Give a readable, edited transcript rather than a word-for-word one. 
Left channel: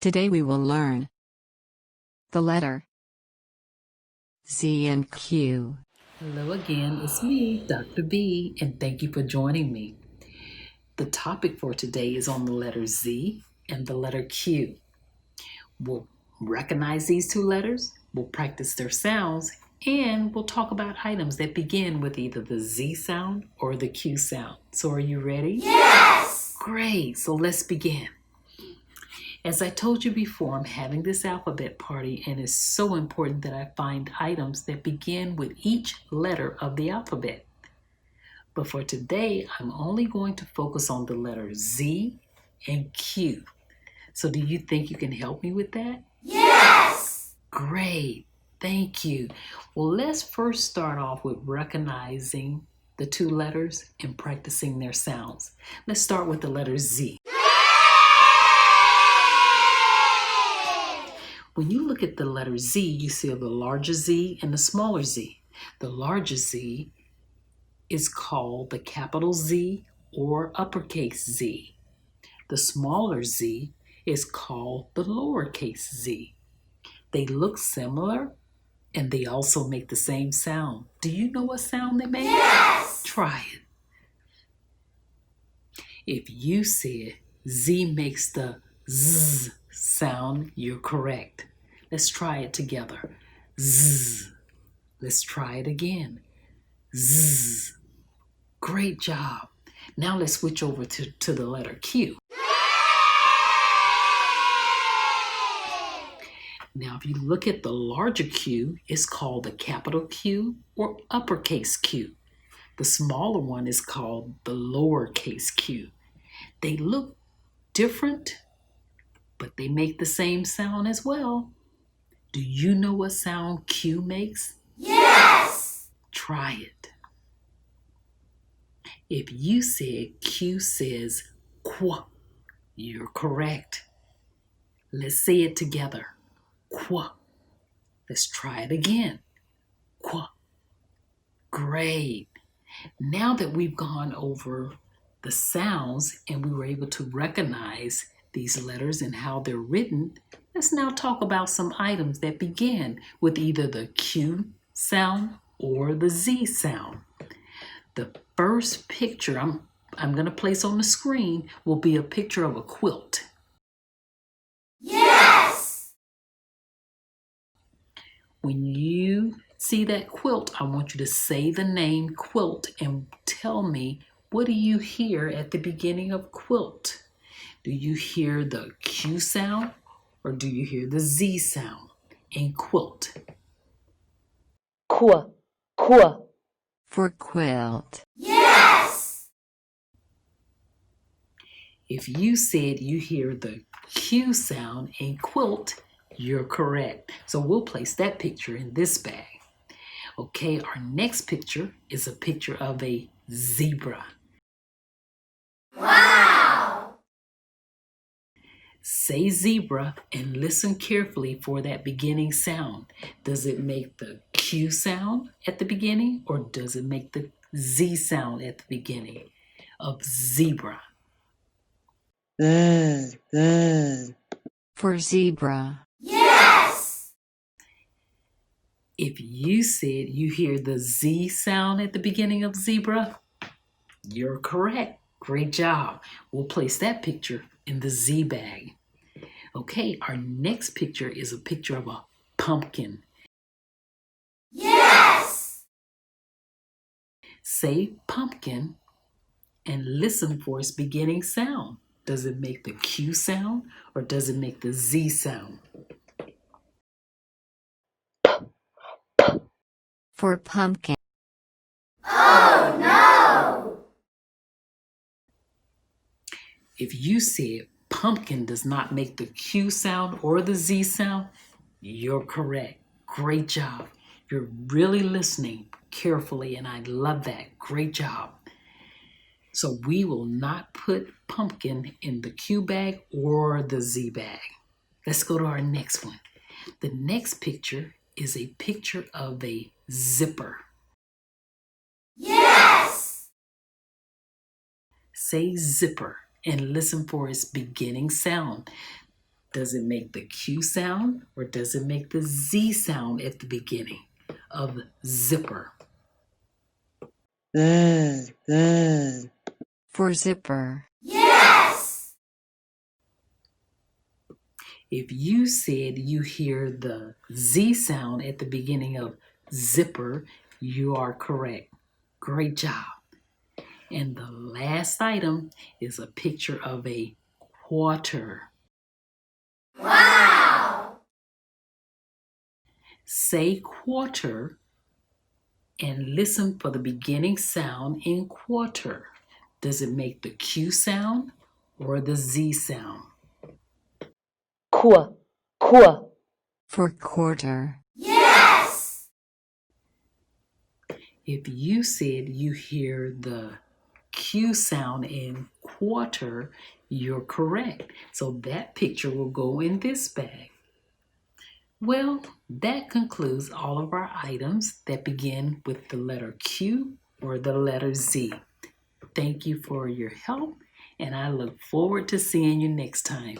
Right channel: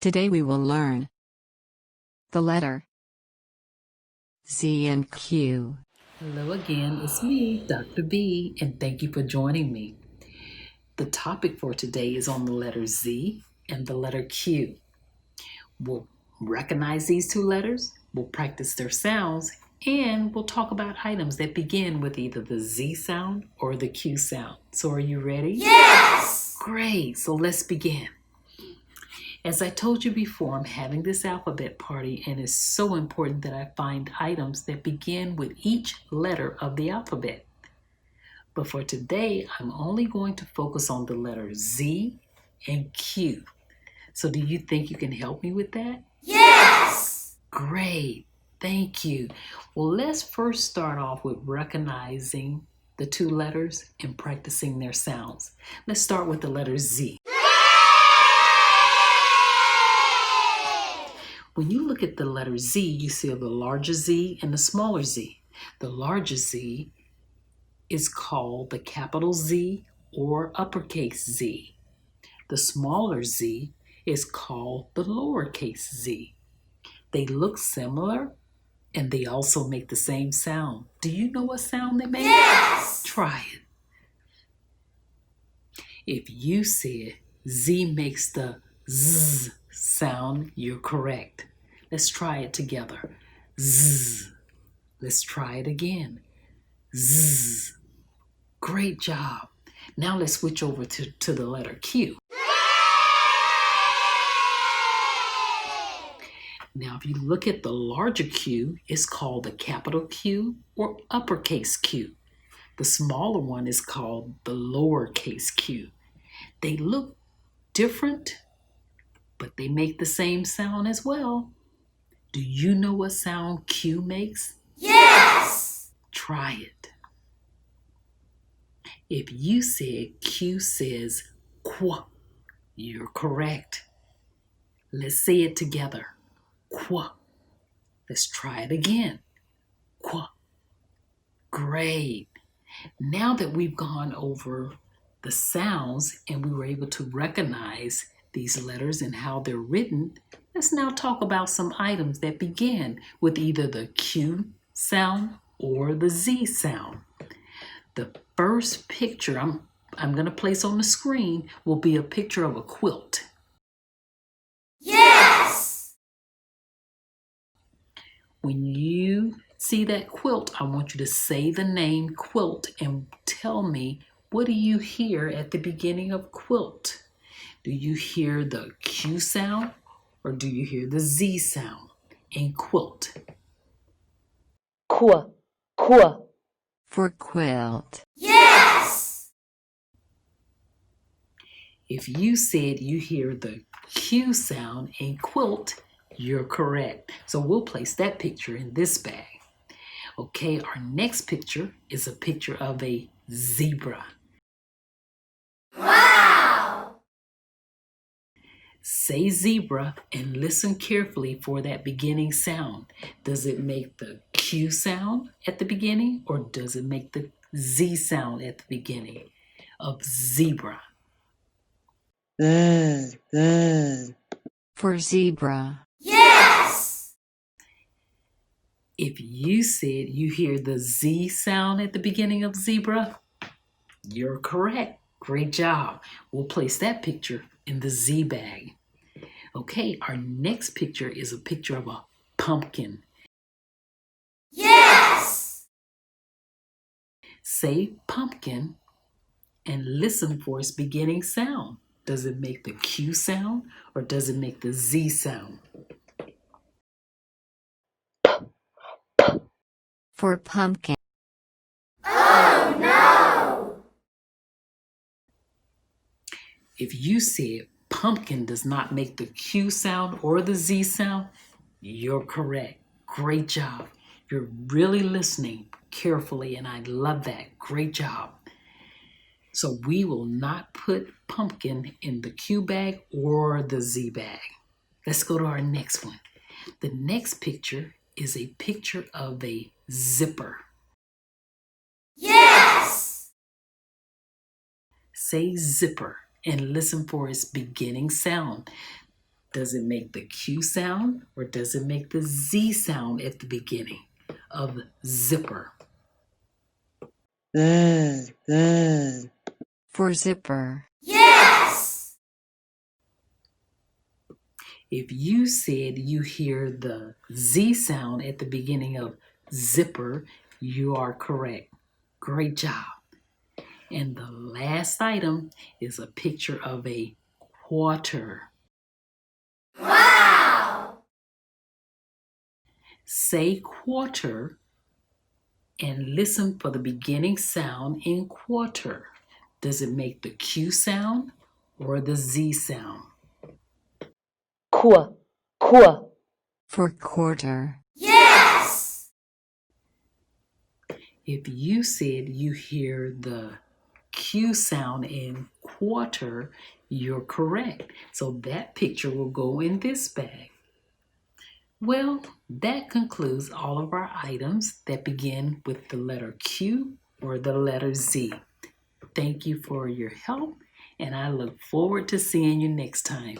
Today we will learn the letter Z and Q. Hello again, it's me, Dr. B, and thank you for joining me. The topic for today is on the letter Z and the letter Q. We'll recognize these two letters, we'll practice their sounds, and we'll talk about items that begin with either the Z sound or the Q sound. So are you ready? Yes! Great, so let's begin. As I told you before, I'm having this alphabet party, and it's so important that I find items that begin with each letter of the alphabet. But for today, I'm only going to focus on the letter Z and Q. So do you think you can help me with that? Yes! Great, thank you. Well, let's first start off with recognizing the two letters and practicing their sounds. Let's start with the letter Z. When you look at the letter Z, you see the larger Z and the smaller z. The larger Z is called the capital Z or uppercase Z. The smaller z is called the lowercase z. They look similar and they also make the same sound. Do you know what sound they make? Yes! Try it. If you said Z makes the Z sound, you're correct. Let's try it together. Z. Let's try it again. Z. Great job. Now let's switch over to the letter Q. Now if you look at the larger Q, it's called the capital Q or uppercase Q. The smaller one is called the lowercase q. They look different, but they make the same sound as well. Do you know what sound Q makes? Yes! Try it. If you said Q says qu, you're correct. Let's say it together. Qu. Let's try it again. Qu. Great. Now that we've gone over the sounds and we were able to recognize these letters and how they're written, let's now talk about some items that begin with either the Q sound or the Z sound. The first picture I'm going to place on the screen will be a picture of a quilt. Yes! When you see that quilt, I want you to say the name quilt and tell me, what do you hear at the beginning of quilt? Do you hear the Q sound or do you hear the Z sound in quilt? Qu, qu. For quilt. Yes! If you said you hear the Q sound in quilt, you're correct. So we'll place that picture in this bag. Okay, our next picture is a picture of a zebra. Wow! Say zebra and listen carefully for that beginning sound. Does it make the Q sound at the beginning or does it make the Z sound at the beginning of zebra? For zebra. Yes! If you said you hear the Z sound at the beginning of zebra, you're correct. Great job. We'll place that picture in the Z bag. Okay, our next picture is a picture of a pumpkin. Yes! Say pumpkin and listen for its beginning sound. Does it make the Q sound or does it make the Z sound? For pumpkin. Oh no! If you said pumpkin does not make the Q sound or the Z sound, you're correct. Great job. You're really listening carefully, and I love that. Great job. So we will not put pumpkin in the Q bag or the Z bag. Let's go to our next one. The next picture is a picture of a zipper. Yes! Say zipper and listen for its beginning sound. Does it make the Q sound or does it make the Z sound at the beginning of zipper? For zipper. Yes. If you said you hear the Z sound at the beginning of zipper, you are correct. Great job. And the last item is a picture of a quarter. Wow. Say quarter and listen for the beginning sound in quarter. Does it make the Q sound or the Z sound? Qu. For quarter. Yes. If you said you hear the Q sound in quarter, you're correct. So that picture will go in this bag. Well, that concludes all of our items that begin with the letter Q or the letter Z. Thank you for your help, and I look forward to seeing you next time.